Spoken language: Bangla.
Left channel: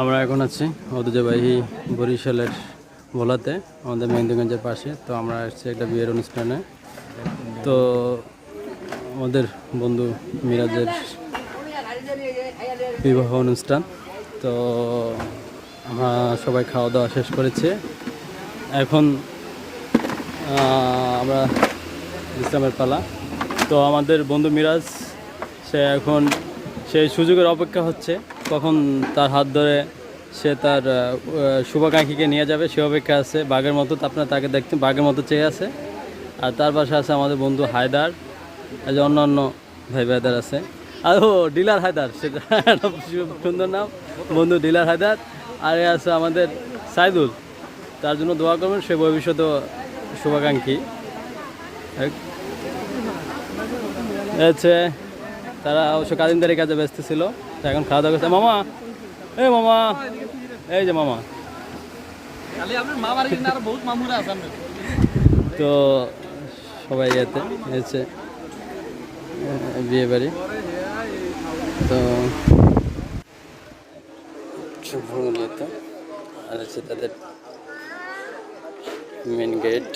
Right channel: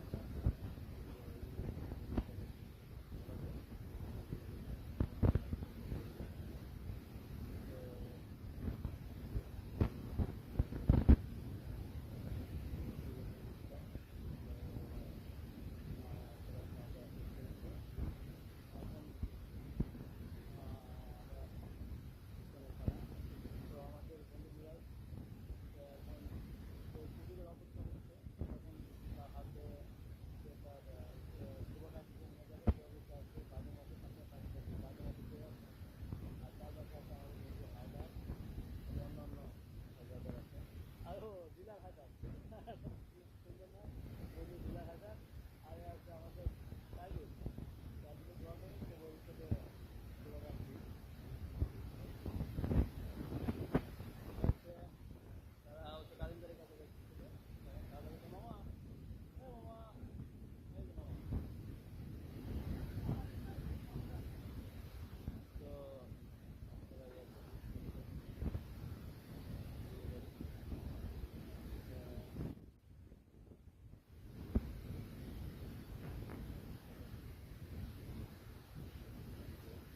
আমরা এখন আছি ঐতিহ্যবাহী বরিশালের ভোলাতে, আমাদের মেহেন্দিগঞ্জের পাশে। তো আমরা আসছি একটা বিয়ের অনুষ্ঠানে। তো আমাদের বন্ধু মিরাজের বিবাহ অনুষ্ঠান। তো আমরা সবাই খাওয়া দাওয়া শেষ করেছি। এখন আমরা বিশ্রামের পালা। তো আমাদের বন্ধু মিরাজ এখন সেই সুযোগের অপেক্ষা হচ্ছে, কখন তার হাত ধরে সে তার শুভাকাঙ্ক্ষীকে নিয়ে যাবে সে অপেক্ষা আছে। বাঘের মতো আপনারা তাকে দেখতে বাঘের মতো চেয়ে আছে। আর তার পাশে আছে আমাদের বন্ধু হায়দার, এই যে অন্যান্য ভাই ভাইদার আছে। আর ও ডিলার হায়দার, সেটা সুন্দর নাম, বন্ধু ডিলার হায়দার। আর আছে আমাদের সাইদুল, তার জন্য দোয়া করবেন, সে ভবিষ্যৎ শুভাকাঙ্ক্ষী হচ্ছে। তারা অবশ্য কাজিনদারি কাজে ব্যস্ত ছিল, এখন খাওয়া দাওয়া করছে। মামা, এই মামা, এই যে মামা। তো সবাই এতে হচ্ছে বিয়ে বাড়ি। তো আর হচ্ছে তাদের মেন গেট।